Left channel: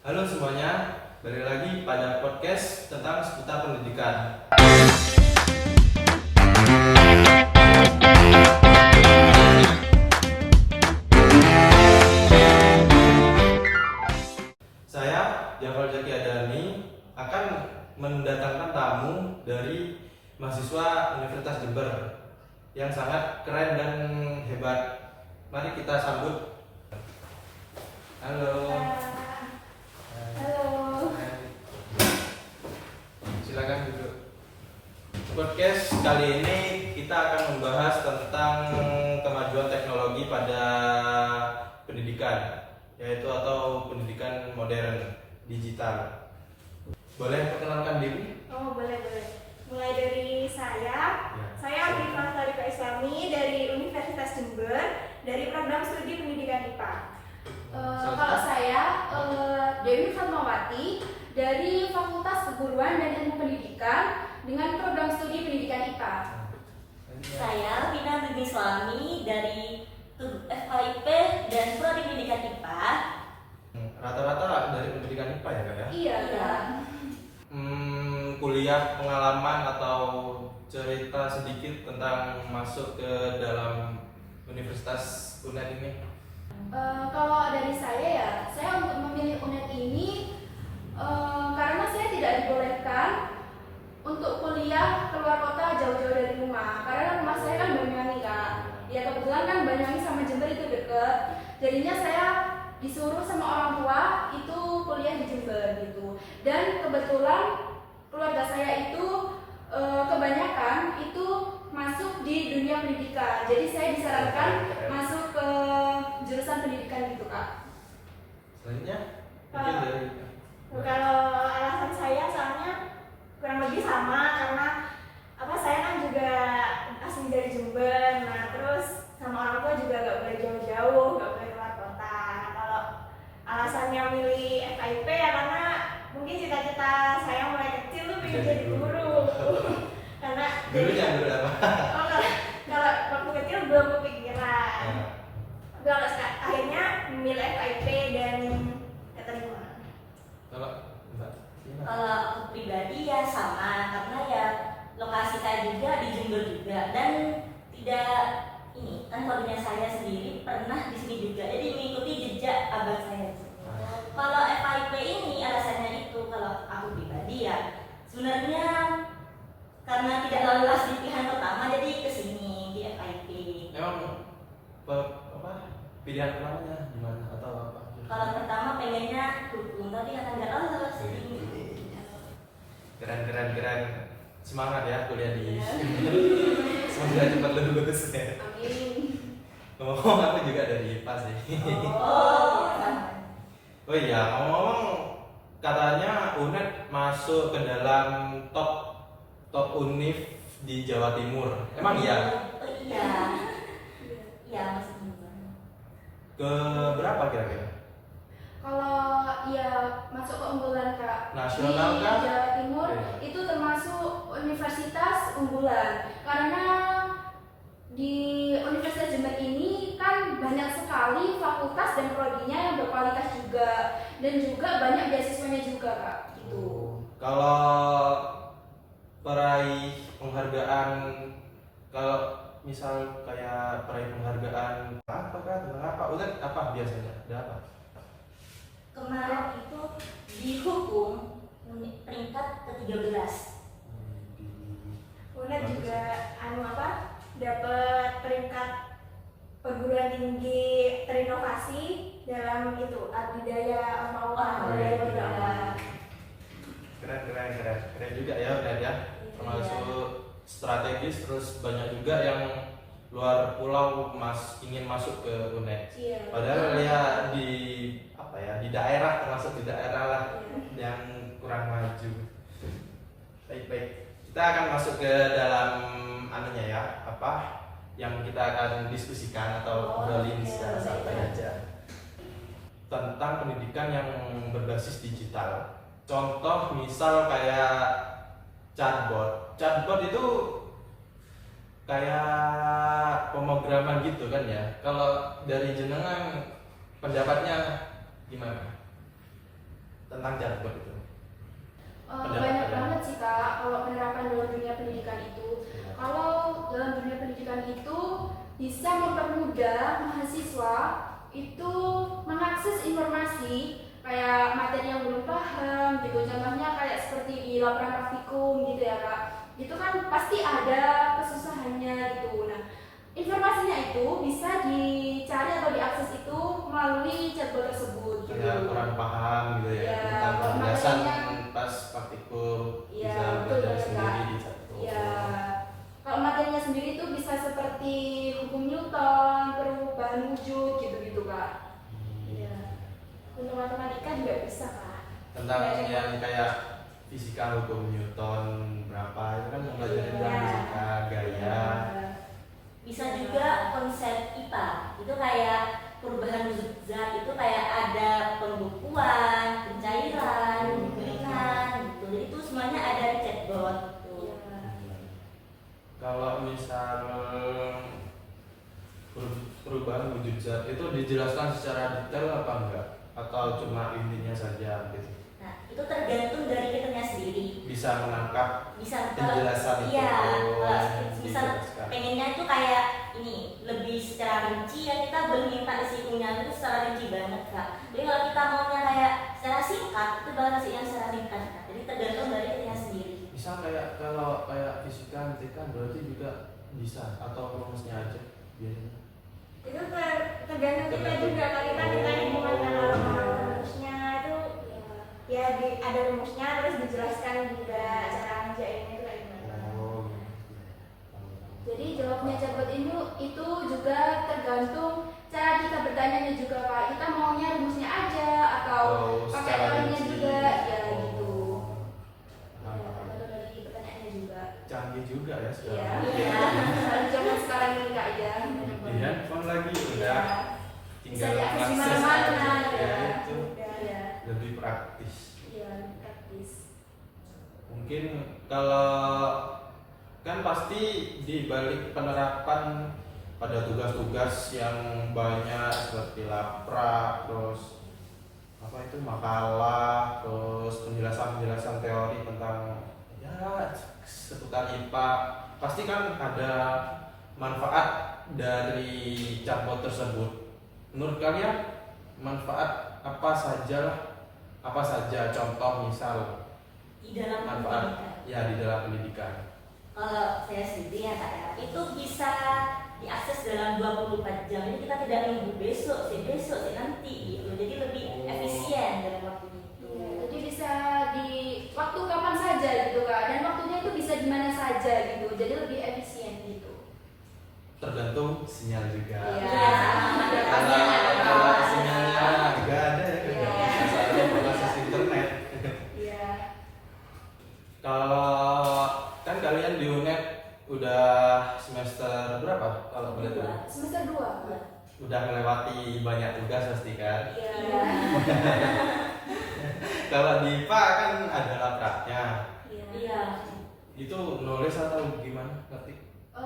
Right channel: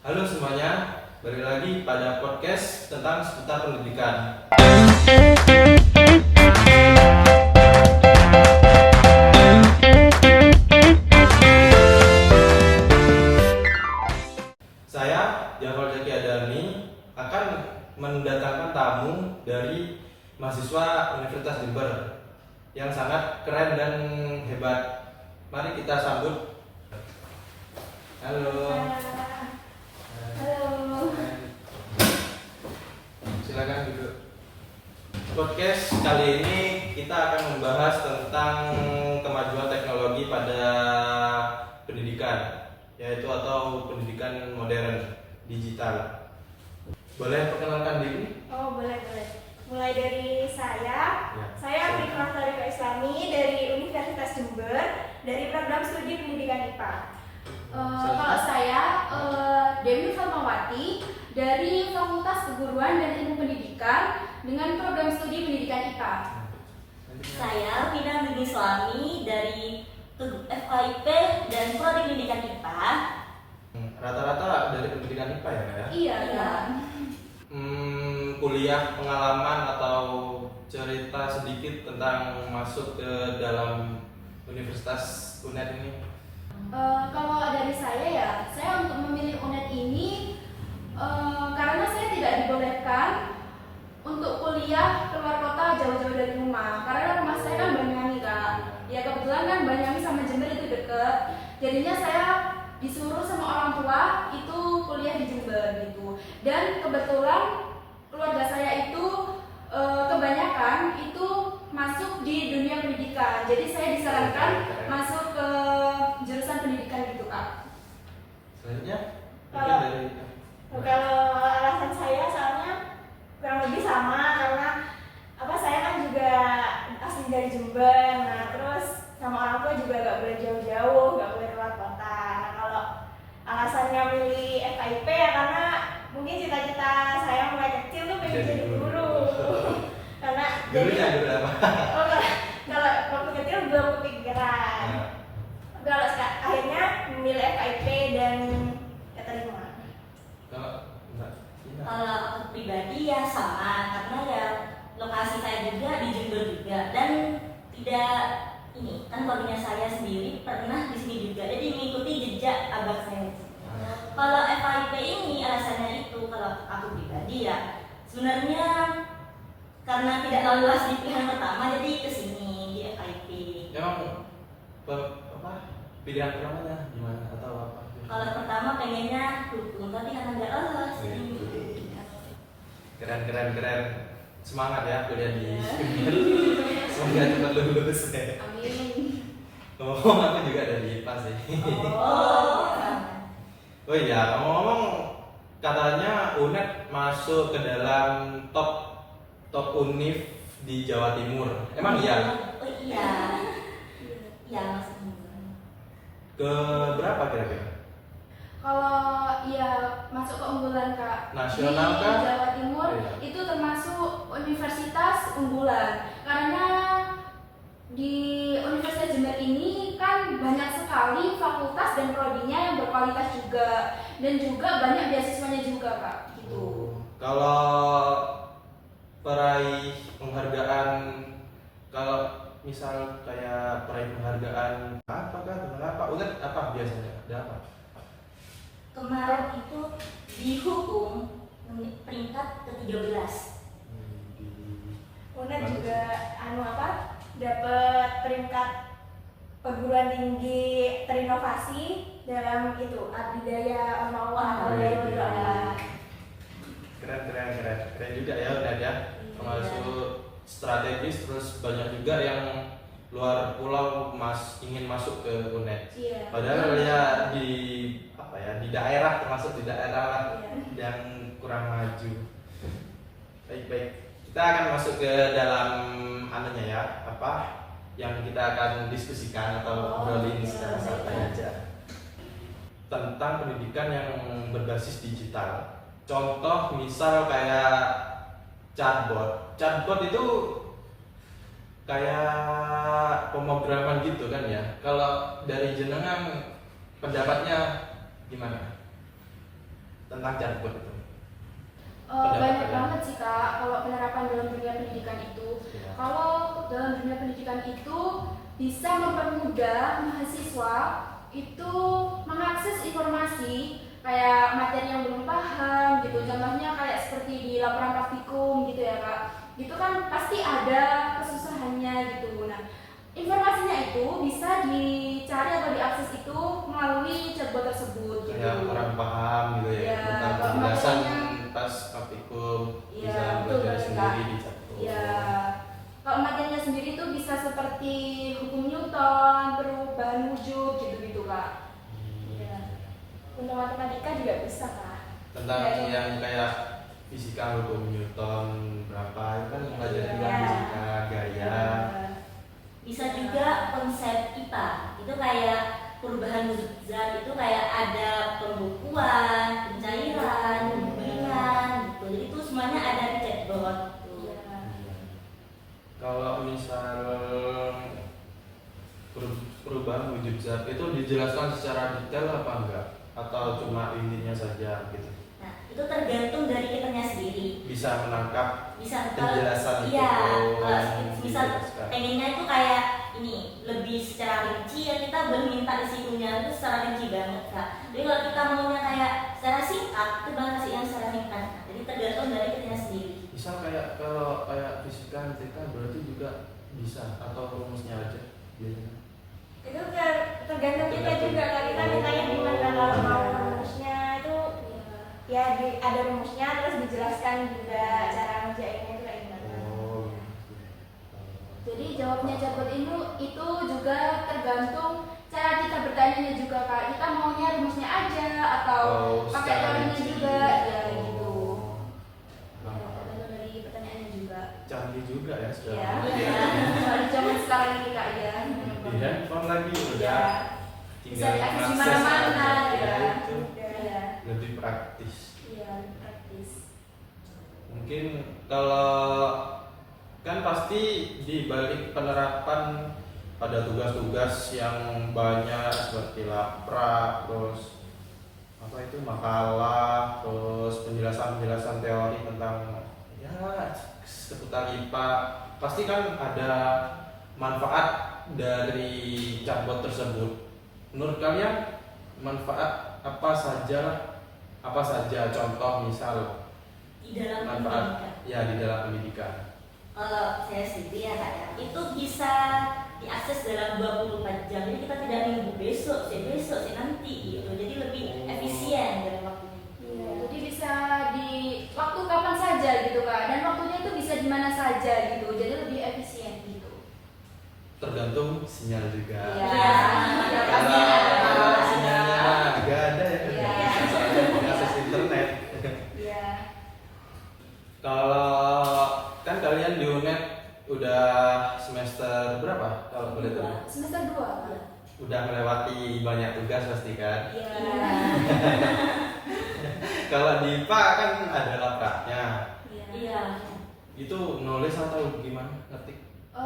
Halo semuanya, balik lagi pada podcast tentang seputar pendidikan. Saya, Jafar Zaki Adani, akan mendatangkan tamu dari mahasiswa Universitas Jember yang sangat keren dan hebat. Mari kita sambut. Halo. Halo. Silakan duduk. Podcast kali ini kita akan membahas tentang kemajuan teknologi pada pendidikan, yaitu atau pendidikan modern digital. Boleh perkenalkan diri? Oh, boleh. Mulai dari saya. Ya. Saya Rifah Tarika Islami dari Universitas Jember dari program studi pendidikan IPA. Kalau saya Dewi Fatmawati dari Fakultas Keguruan dan Ilmu Pendidikan dengan program studi pendidikan IPA. Saya Rina Dwi Islami dari FKIP dan Prodi Pendidikan IPA. Rata-rata dari pendidikan IPA ya, Kak ya? Iya. Kuliah pengalaman atau cerita sedikit tentang masuk ke dalam Universitas UNED ini. Kalau dari saya untuk memilih UNED ini karena saya tidak dibolehkan untuk kuliah keluar kota jauh-jauh dari rumah. Karena rumah saya kan Banyuwangi, Kak. Ya kebetulan kan Banyuwangi sama Jember itu deket. Jadinya saya disuruh sama orang tua itu kuliah di Jember gitu. Dan kebetulan keluarga saya itu kebanyakan itu masuk di dunia pendidikan. Jadi saya disarankan masuk ke jurusan pendidikan gitu, Kak. Selanjutnya mungkin dari Kalau alasan saya soalnya kurang lebih sama karena saya kan juga asli dari Jember. Nah, terus sama orang tua juga gak boleh jauh-jauh, gak boleh keluar kota. Nah, kalau alasannya milih FKIP ya karena mungkin cita-cita saya mulai kecil tuh pengen jadi guru. Karena gurunya guru apa? kalau waktu kecil belum kepikiran. Ya. Kalau akhirnya memilih FKIP dan keterima. Kalau enggak, Kalau aku pribadi ya sama, karena ya lokasi saya juga di Jember juga dan tidak ini kan keluarganya saya sendiri pernah di sini juga, jadi mengikuti jejak abang saya. Kalau FKIP ini alasannya itu kalau aku pribadi ya sebenarnya karena tidak lolos di pilihan pertama jadi kesini di FKIP. emang pilihan pertamanya gimana atau apa? Kalau pertama pengennya hukum tapi karena nggak lolos. Keren. Semangat ya kuliah di semoga cepat lulus ya. Amin. Ngomong aku juga dari IPA sih. Oh iya, ngomong katanya UNED masuk ke dalam top univ di Jawa Timur. Emang iya? Oh iya. Iya maksudnya. Ke berapa kira-kira? Kalau ya masuk keunggulan, Kak, Nasional di kan? Jawa Timur Iya. itu termasuk universitas unggulan karena di Universitas Jember ini kan banyak sekali fakultas dan prodinya yang berkualitas juga dan juga banyak beasiswanya juga, Kak, gitu. Kalau peraih penghargaan, kalau misal kayak peraih penghargaan apakah tentang apa? UNED apa biasanya? Ada apa? Kemarin itu di hukum peringkat ke-13. UNED juga dapat peringkat perguruan tinggi terinovasi dalam itu Adidaya Ormawa Adidaya Berdoa. Keren juga ya UNED ya. Termasuk strategis, terus banyak juga yang luar pulau ingin masuk ke UNED. Iya. Padahal ya di daerah, termasuk di daerah lah yang kurang maju. Baik. Kita akan masuk ke dalam yang kita akan diskusikan atau obrolin secara santai aja tentang pendidikan yang berbasis digital. Contoh misal kayak chatbot. Chatbot itu kayak pemrograman gitu kan ya. Kalau dari jenengan pendapatnya gimana? tentang chatbot itu? Banyak banget sih Kak, kalau penerapan dalam dunia pendidikan itu. Ya. Kalau dalam dunia pendidikan itu bisa mempermudah mahasiswa itu mengakses informasi kayak materi yang belum paham gitu. Contohnya kayak seperti di laporan praktikum gitu ya Kak. Itu kan pasti ada kesusahannya gitu. Nah, informasinya itu bisa dicari atau diakses itu melalui chatbot tersebut gitu. Kayak kurang paham gitu ya, Ya, tentang kalau penjelasan materinya- pas praktikum Iya, bisa betul belajar banget, sendiri Kak. di satu. Ya, kalau materinya sendiri itu bisa seperti hukum Newton, perubahan wujud gitu-gitu Kak. Iya. Untuk matematika juga bisa Kak. Tentang Kayak- yang kayak fisika hukum Newton berapa itu kan belajar juga Iya. fisika gaya. Iya. Bisa juga konsep IPA itu kayak perubahan zat itu kayak ada pembekuan, pencairan, pemberian gitu. Jadi itu semuanya ada di chatbot gitu. Iya. Kalau misal perubahan wujud zat itu dijelaskan secara detail apa enggak? Atau cuma intinya saja gitu? Nah, itu tergantung dari kitanya sendiri. Bisa menangkap Bisa penjelasan itu iya, yang kalau misal dijelaskan. pengennya itu kayak ini lebih secara rinci ya kita belum minta disitunya itu secara rinci banget Kak. Jadi kalau kita maunya kayak secara singkat itu baru kasih yang secara ringkas. Nah, jadi tergantung dari kitanya sendiri. Misal kayak kalau kayak fisika MTK berarti juga bisa atau rumusnya aja biasanya. Itu tergantung kita juga kan kita mintanya gimana. Kalau mau rumusnya itu ya ada rumusnya terus dijelaskan juga cara ngerjainnya itu kayak gimana. Oh. Jadi jawabnya chatbot itu juga tergantung cara kita bertanya juga Kak. Kita maunya rumusnya aja atau pakai secara teorinya rinci. juga ya gitu. Oh. Ya, Mantap. tergantung dari pertanyaannya juga. Canggih juga ya Iya. sekarang. Kalau zaman sekarang ini Kak ya. Di handphone lagi Ya. udah Bisa tinggal diakses di mengakses mana-mana aja. ya. Itu Iya. lebih praktis. Iya, praktis. Mungkin kalau kan pasti di balik penerapan pada tugas-tugas yang banyak seperti laprak, terus apa itu makalah, terus penjelasan-penjelasan teori tentang ya seputar IPA, pasti kan ada manfaat dari chatbot tersebut. Menurut kalian manfaat apa saja contoh misal Di dalam manfaat pendidikan. ya di dalam pendidikan? Kalau saya sendiri ya Kak ya, itu bisa diakses dalam 24 jam. Jadi kita tidak nunggu besok sih nanti gitu. Jadi lebih efisien dalam waktunya. Iya, jadi bisa di waktu kapan saja gitu Kak. Dan waktunya itu bisa di mana saja gitu. Jadi lebih efisien gitu. Tergantung sinyal juga. Iya. Ya, pasti ada. Kalau sinyalnya nggak ada ya Iya. misalnya mengakses internet. Iya. Kalau kan kalian di UNED udah semester berapa kalau boleh tahu? Semester 2 Kak. Udah melewati banyak tugas pasti kan? Iya. Kalau di IPA kan ada lapraknya. Iya. Iya. Itu nulis atau gimana? Ngetik?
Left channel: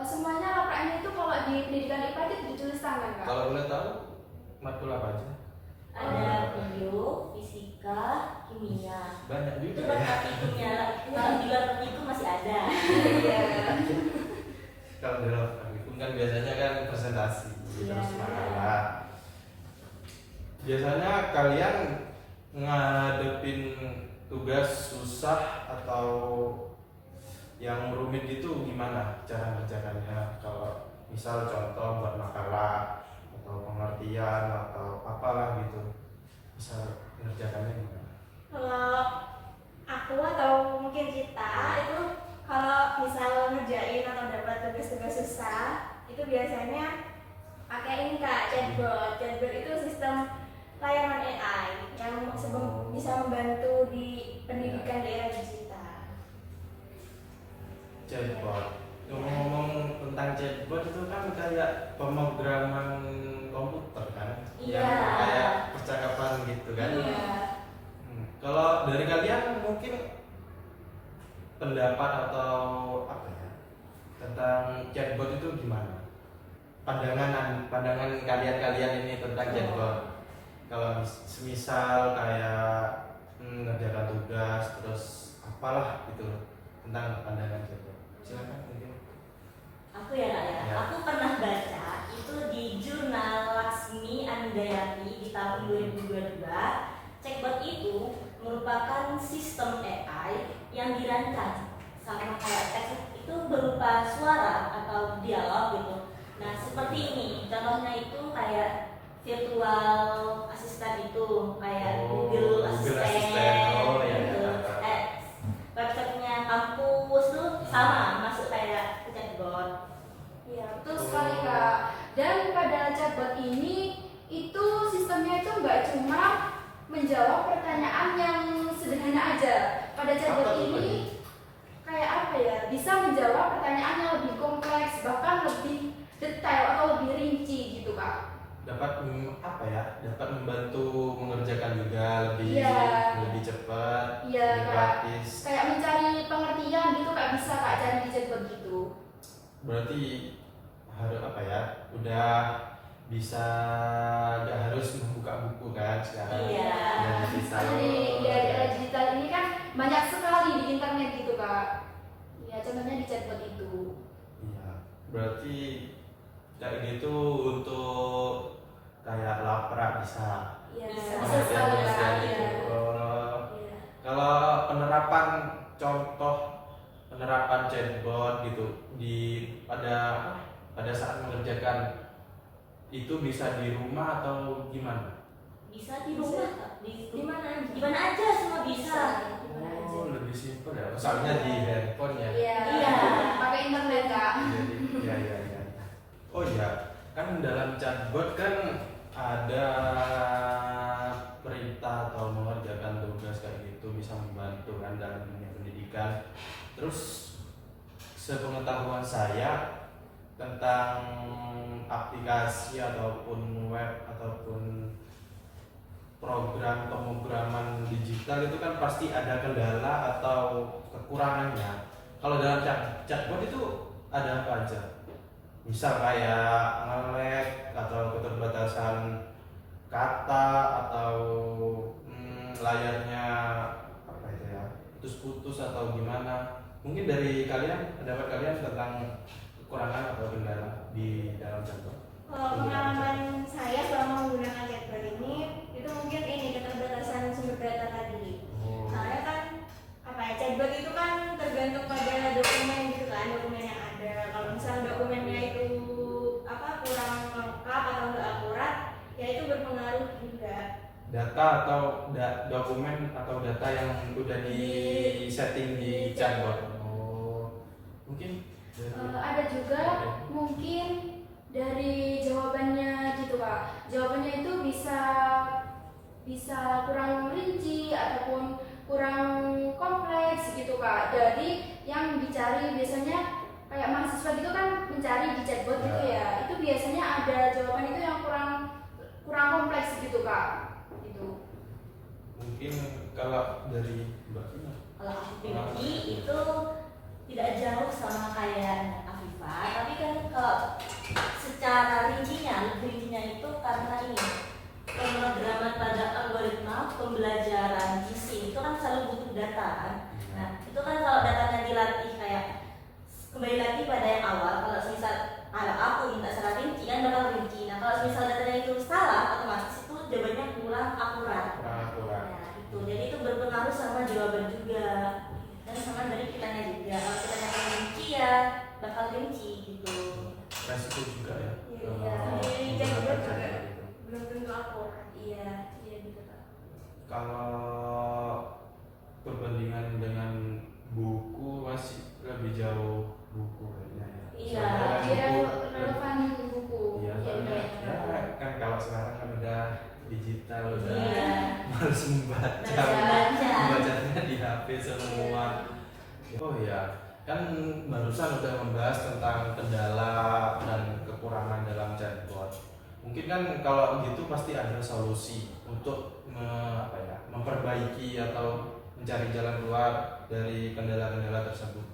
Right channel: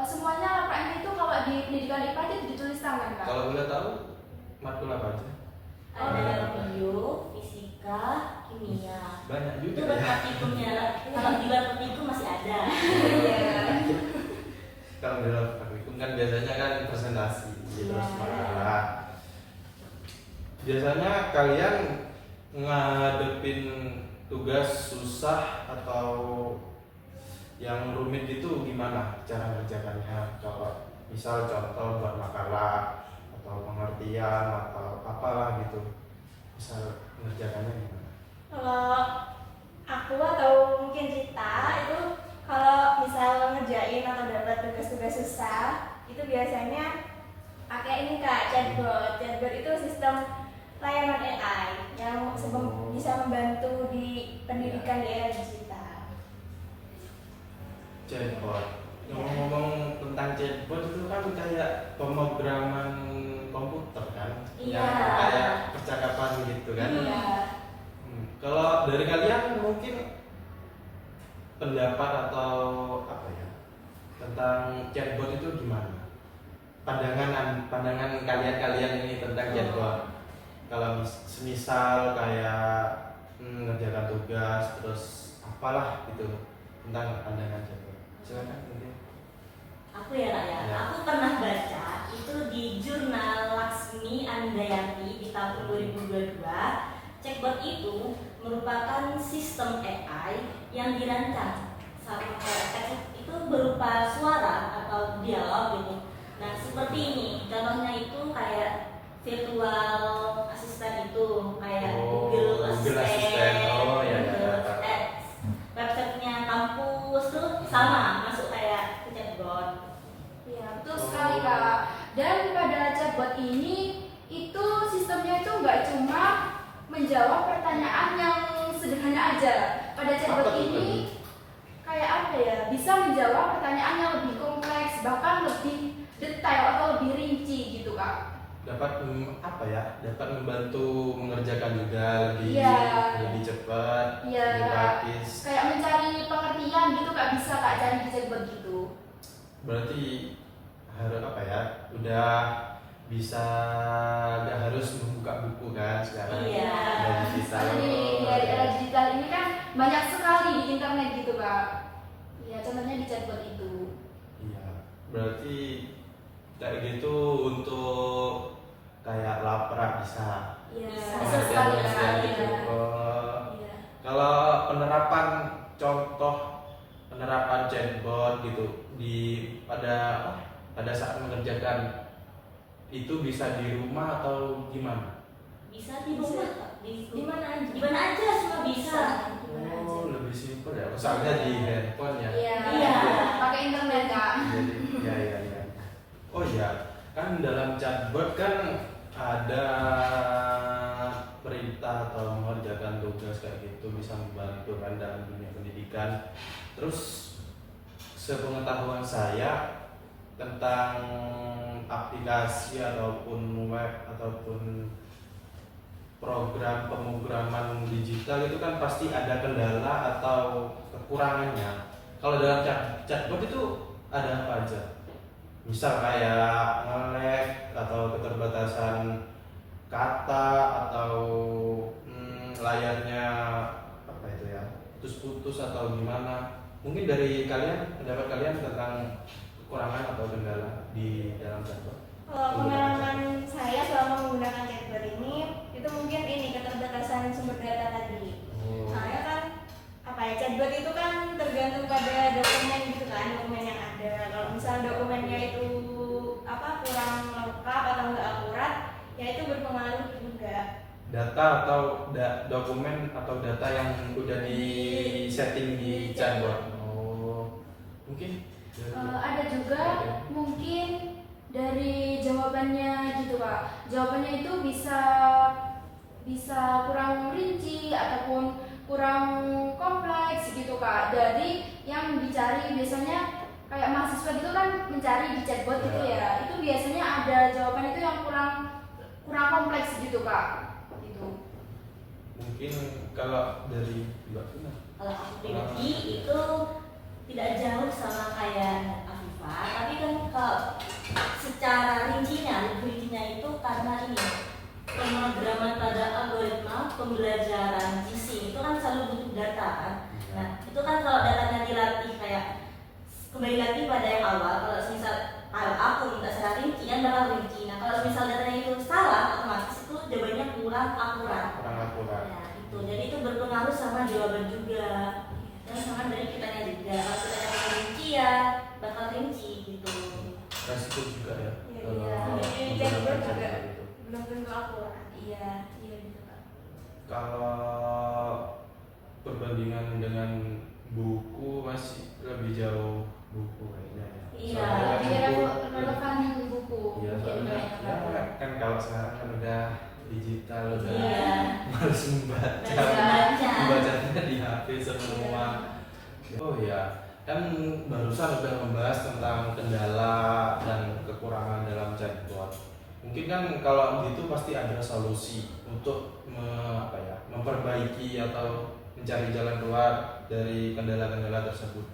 Semuanya lapraknya itu kalau di pendidikan IPA itu ditulis tangan Kak. Kalau boleh tahu matkul apa aja? Ada bio, fisika, kimia. Banyak Itu juga ya. praktikumnya. Kalau di luar praktikum masih ada. Iya. Kalau di dalam praktikum kan biasanya kan presentasi terus Iya. makalah. Biasanya kalian ngadepin tugas susah atau yang rumit itu gimana cara mengerjakannya? Kalau misal contoh buat makalah atau pengertian atau apalah gitu, misal mengerjakannya gimana? Kalau aku atau mungkin kita itu kalau misal ngerjain atau dapat tugas-tugas susah itu biasanya pakai ini Kak, chatbot. Chatbot itu sistem layanan AI yang bisa membantu di pendidikan di era digital. Chatbot. Ngomong-ngomong tentang chatbot itu kan kayak pemrograman komputer kan, Iya. yang kayak percakapan gitu kan. Iya. Kalau dari kalian mungkin pendapat atau apa ya tentang chatbot itu gimana? Pandangan kalian ini tentang chatbot. Kalau semisal kayak mengerjakan tugas terus apalah gitu tentang pandangan chatbot. Silakan mungkin. Aku ya, Ya. aku pernah baca itu di jurnal Laksmi Andayati di tahun 2022. Chatbot itu merupakan sistem AI yang dirancang sama kayak teks itu berupa suara atau dialog gitu. Nah seperti ini, contohnya itu kayak virtual assistant itu kayak Google Assistant, Oh ya ya. gitu. Tahu. Websitenya kampus tuh sama masuk kayak ke chatbot. Iya, betul sekali Kak. Dan pada chatbot ini itu sistemnya itu nggak cuma menjawab pertanyaan yang sederhana aja. Pada chatbot Apa tuh, ini kayak apa ya? Bisa menjawab pertanyaan yang lebih kompleks, bahkan lebih detail atau lebih rinci gitu Kak. Dapat apa ya? Dapat membantu mengerjakan juga lebih Iya. lebih cepat, Iya lebih Kak. praktis. Kayak mencari pengertian gitu Kak, bisa Kak cari di chatbot gitu. Berarti harus apa ya? Udah bisa nggak harus membuka buku kan sekarang. Iya. Udah digital. Karena di era digital ini kan banyak sekali di internet gitu Kak. Iya, contohnya di chatbot itu. Iya. Berarti kayak gitu untuk kayak laprak bisa. Iya, Bisa. bisa sekali Kak. Pengertian Iya. gitu. Oh. Iya. Kalau penerapan contoh penerapan chatbot gitu di pada saat mengerjakan itu bisa di rumah atau gimana? Bisa di Bisa. rumah, Kak. Di mana aja? Di mana aja semua bisa. Di mana aja. Oh, lebih simpel ya. Soalnya di handphone ya. Iya. Iya. Pakai internet Kak. Jadi ya. Oh iya, kan dalam chatbot kan ada perintah atau mengerjakan tugas kayak gitu bisa membantu kan dalam dunia pendidikan. Terus sepengetahuan saya tentang aplikasi ataupun web ataupun program pemrograman digital itu kan pasti ada kendala atau kekurangannya. Kalau dalam chatbot itu ada apa aja? Misal kayak nge-lag atau keterbatasan kata atau layarnya apa itu ya putus-putus atau gimana? Mungkin dari kalian, pendapat kalian tentang kekurangan atau kendala di dalam chatbot? Kalau pengalaman saya selama menggunakan chatbot ini, itu mungkin ini keterbatasan sumber data tadi. Oh. Soalnya kan apa ya, chatbot itu kan tergantung pada dokumen gitu kan, dokumen yang ada. Kalau misalnya dokumennya itu apa kurang lengkap atau nggak akurat, ya itu berpengaruh juga. Data atau dokumen atau data yang udah di setting di chatbot. Oh, mungkin Ada juga mungkin dari jawabannya gitu Kak. Jawabannya itu bisa kurang rinci ataupun kurang kompleks gitu Kak. Jadi yang dicari biasanya kayak mahasiswa gitu kan mencari di chatbot gitu ya. Itu biasanya ada jawaban itu yang kurang kompleks gitu Kak. Gitu. mungkin kalau dari Mbak Vina. Kalau aku pribadi itu tidak jauh sama kayak Afifah, tapi kan kalau secara lebih rincinya itu karena ini pemrograman pada algoritma pembelajaran GC itu kan selalu butuh data kan. Nah itu kan kalau datanya dilatih kayak kembali lagi pada yang awal, kalau aku minta secara rinci kan bakal rinci. Nah kalau misal datanya itu salah, otomatis itu jawabannya kurang akurat. Kurang akurat. Nah itu, jadi itu berpengaruh sama jawaban juga dan sama dari kitanya juga. Kalau kitanya yang rinci ya bakal rinci gitu. Resiko juga ya. Iya, kalau iya. Di menggunakan chatbot juga chatbot itu. belum tentu akurat. Iya gitu Kak. Kalau perbandingan dengan buku masih lebih jauh buku kayaknya ya. Iya, Soalnya kan Jadi buku- relevan buku. Iya, soalnya Iya. ya, kan kalau sekarang kan udah digital udah Iya. males membaca. Baca. Membacanya di HP semua. Oh ya, kan barusan udah membahas tentang kendala dan kekurangan dalam chatbot. Mungkin kan kalau gitu pasti ada solusi untuk memperbaiki atau mencari jalan keluar dari kendala-kendala tersebut.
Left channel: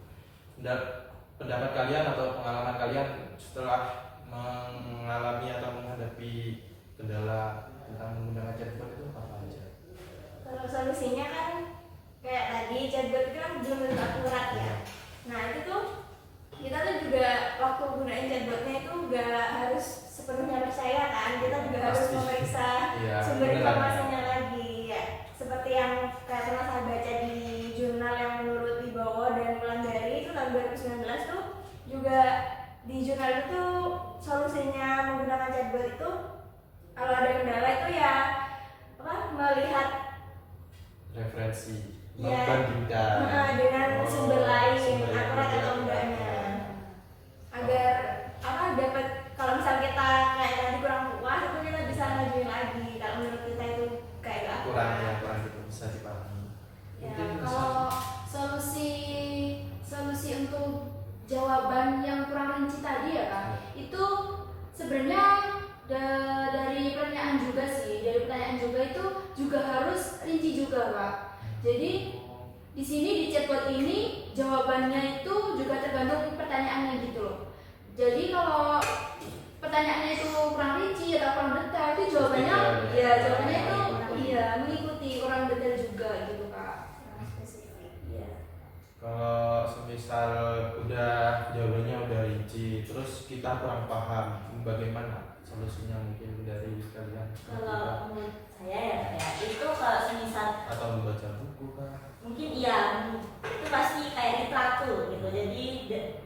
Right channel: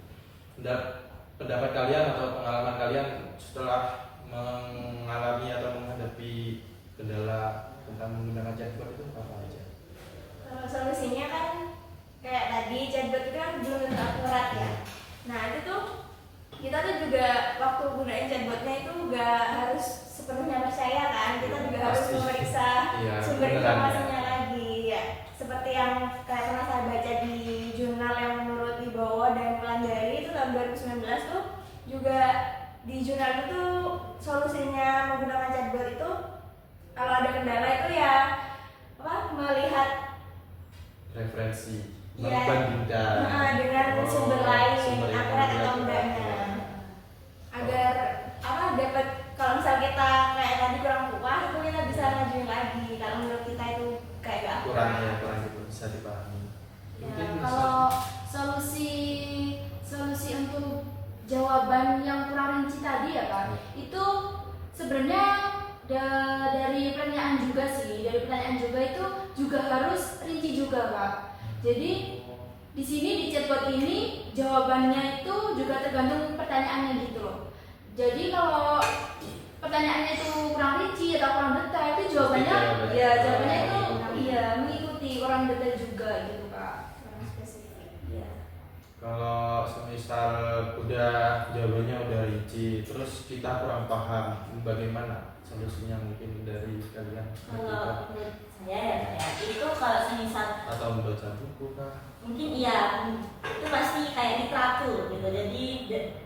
Pendapat kalian atau pengalaman kalian setelah mengalami atau menghadapi kendala tentang menggunakan chatbot itu apa aja? Kalau solusinya kan referensi, Iya. membandingkan dengan sumber lain sumber yang akurat dia atau enggaknya, agar apa dapat, kalau misal kita kayak tadi kurang puas itu kita bisa ngajuin lagi kalau menurut kita itu kayak gak kurang akurat. ya, kurang gitu bisa dipahami. Ya, Mungkin kalau solusi untuk jawaban yang kurang rinci tadi ya Kak, itu sebenarnya dari pertanyaan juga sih, dari pertanyaan juga itu juga harus rinci juga Kak. Jadi di sini di chatbot ini jawabannya itu juga tergantung pertanyaannya gitu loh. Jadi kalau pertanyaannya itu kurang rinci atau kurang detail, itu jawabannya jawabannya itu mengikuti orang detail juga gitu Kak. Kurang spesifik. Iya. kalau semisal udah jawabannya udah rinci, terus kita kurang paham, bagaimana solusinya mungkin dari kalian? Kalau menurut saya ya itu kalau semisal Atau membaca buku kah? mungkin iya itu pasti kayak literatur gitu. Jadi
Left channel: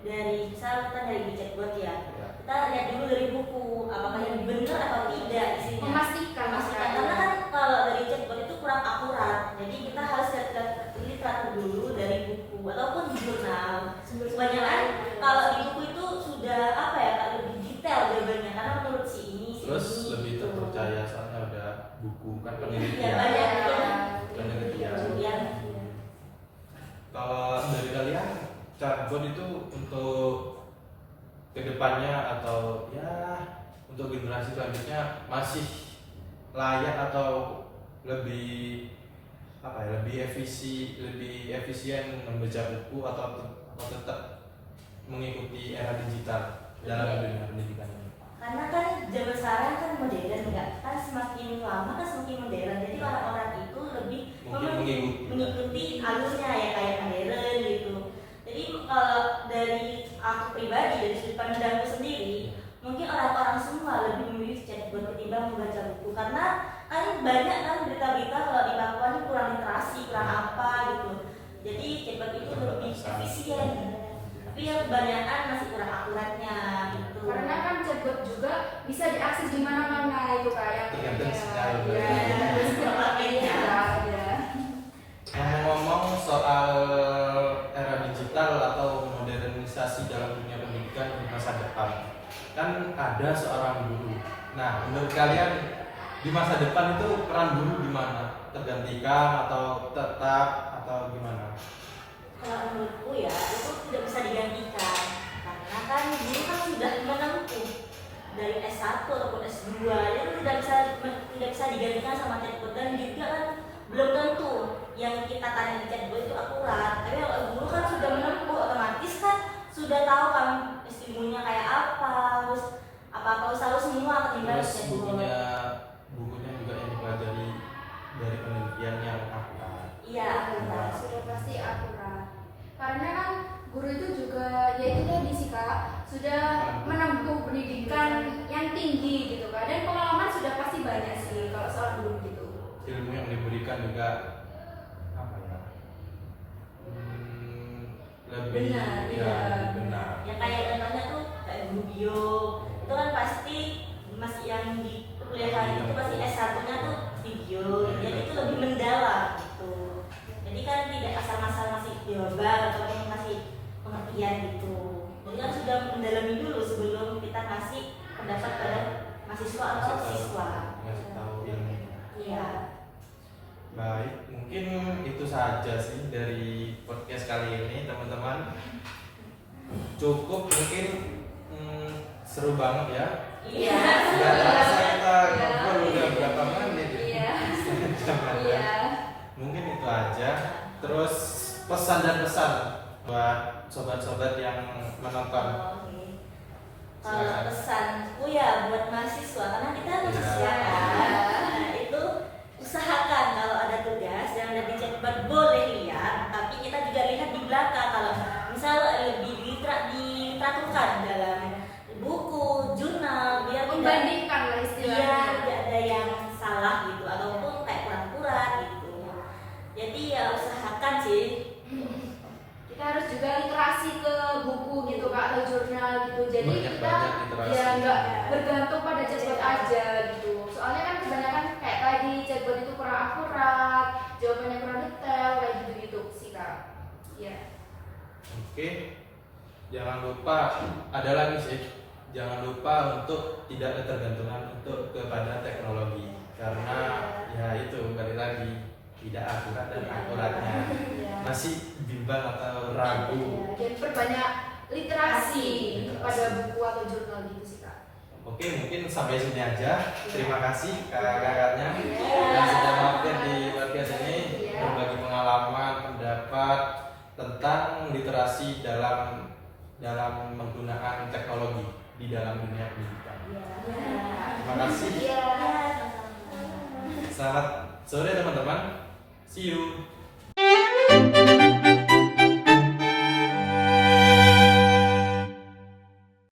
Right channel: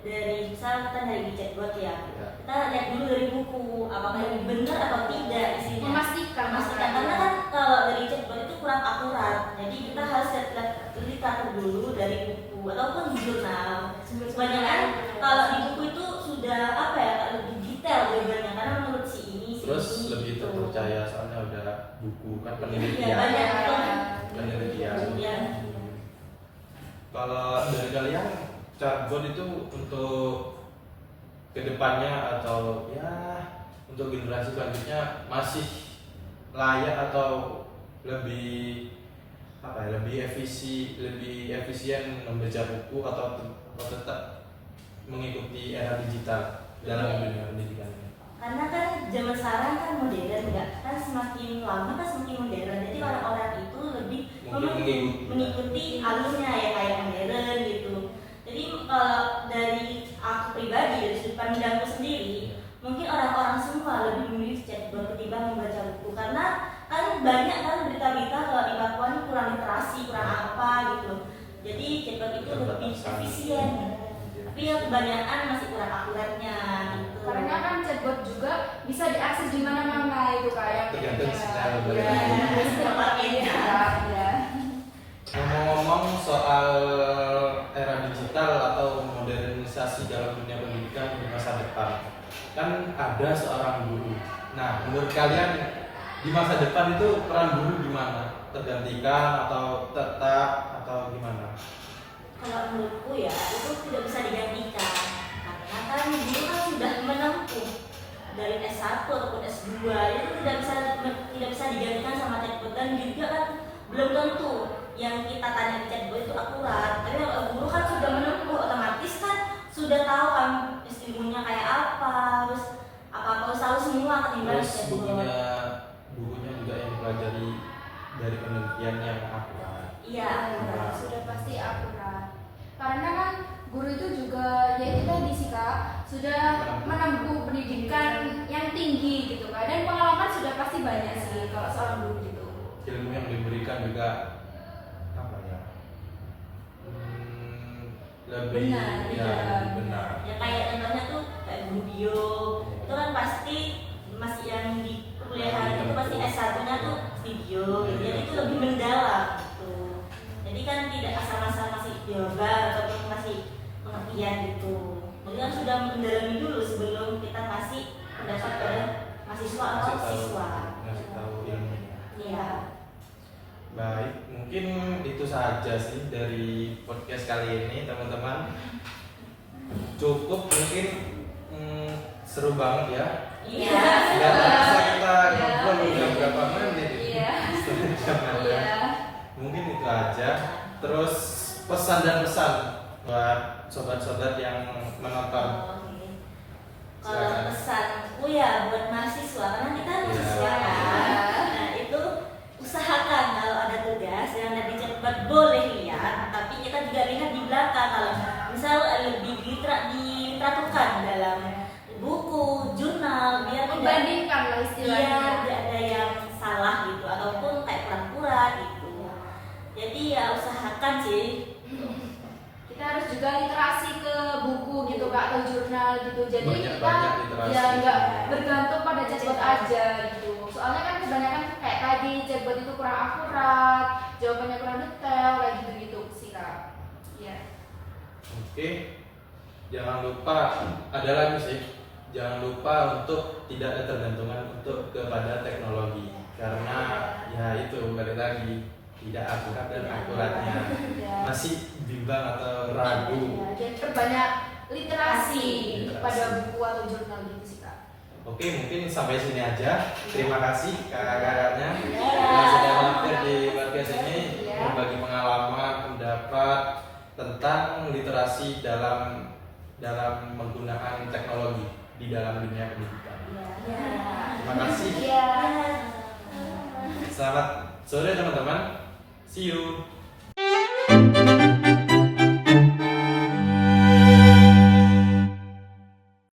dari misal kita dari chatbot ya, Ya. kita lihat dulu dari buku apakah ini benar atau tidak isinya. Memastikan Karena kan kalau dari chatbot itu kurang akurat, jadi kita harus lihat literatur dulu dari buku ataupun di jurnal. Kebanyakan kalau di buku itu sudah apa ya, lebih detail jawabannya karena menurut si ini si Terus ini, lebih gitu. terpercaya soalnya udah buku kan Iya, penelitian. banyak Penelitian. Penelitian. Kalau dari kalian chatbot itu untuk kedepannya atau ya untuk generasi selanjutnya masih layak atau lebih apa ya, lebih efisien membaca buku atau tetap mengikuti era digital dalam dunia pendidikannya? Karena kan zaman sekarang kan modern ya, kan semakin lama kan semakin modern. Jadi orang-orang itu lebih Mungkin mengikuti alurnya ya kayak modern gitu. Jadi kalau dari aku pribadi, dari sudut pandangku sendiri, mungkin orang-orang semua lebih memilih chatbot ketimbang membaca buku karena kan banyak kan berita-berita kalau di Papua ini kurang literasi, kurang apa gitu. Jadi chatbot itu lebih efisien. Tapi ya kebanyakan masih kurang akuratnya gitu. Karena kan chatbot juga bisa diakses di mana-mana itu kayak Tergantung style ya. Ngomong-ngomong soal era digital atau modernisasi dalam dunia pendidikan di masa depan, kan ada seorang guru. Nah, menurut kalian di masa depan itu peran guru gimana? Tergantikan atau tetap atau gimana? Kalau menurutku ya itu tidak bisa digantikan karena kan guru kan sudah menempuh dari S1 ataupun S2 itu tidak bisa digantikan sama chatbot dan juga kan belum tentu yang kita tanya di chatbot itu akurat. Tapi kalau guru kan sudah menempuh, otomatis kan sudah tahu kan ilmunya kayak apa, terus apa harus tahu semua ketimbang Terus chatbot. bukunya juga yang dipelajari dari penelitian yang akurat. Iya, akurat. Sudah pasti akurat. Karena kan guru itu juga ya itu tadi sih Kak, sudah menempuh pendidikan yang tinggi gitu Kak, dan pengalaman sudah pasti banyak sih kalau seorang guru gitu. Ilmu yang diberikan juga apa ya? Lebih Benar, ya, iya. lebih benar. Ya kayak contohnya tuh kayak guru bio itu kan pasti masih yang di perkuliahan itu pasti S1-nya tuh video, jadi itu lebih mendalam gitu. Jadi kan tidak asal-asal masih jawaban ataupun masih pengertian gitu. Jadi kan sudah mendalami dulu sebelum kita kasih pendapat pada mahasiswa atau siswa. Ngasih tahu ilmunya. Iya. Baik, mungkin itu saja sih dari podcast kali ini teman-teman. Cukup mungkin seru banget ya. Iya. Gak terasa kita Iya. ngobrol udah berapa menit ya? Iya. Setengah jam kan? Iya. Mungkin itu aja. Terus pesan dan pesan buat sobat-sobat yang menonton. Oke. Kalau Silakan. pesanku ya buat mahasiswa karena kita mahasiswa Iya. kan. Nah, itu usahakan kalau ada tugas yang di chatbot boleh lihat, tapi kita juga lihat di belakang kalau misal lebih diteraturkan dalam buku, jurnal biar tidak Membandingkan lah istilahnya. tidak ada yang salah gitu ataupun kayak kurang-kurang gitu. Jadi ya usahakan sih. Kita harus juga literasi ke buku gitu Kak, atau jurnal gitu. Jadi Banyak-banyak kita literasi. ya nggak bergantung pada chatbot aja gitu. Soalnya kan kebanyakan kayak tadi chatbot itu kurang akurat, jawabannya kurang detail, kayak gitu-gitu sih kak. Iya. Oke, jangan lupa ada lagi sih. Jangan lupa untuk tidak ada tergantungan untuk kepada teknologi karena ya itu balik lagi tidak akurat dan akuratnya Iya. masih bimbang atau ragu. Iya, dan perbanyak literasi Literasi. pada buku atau jurnal gitu sih kak. Oke, mungkin sampai sini aja. Terima kasih kakak-kakaknya Iya. yang sudah mampir di podcast ini Iya. berbagi pengalaman, pendapat tentang literasi dalam menggunakan teknologi di dalam dunia pendidikan. Iya. Terima kasih. Iya. Selamat sore teman-teman. See you.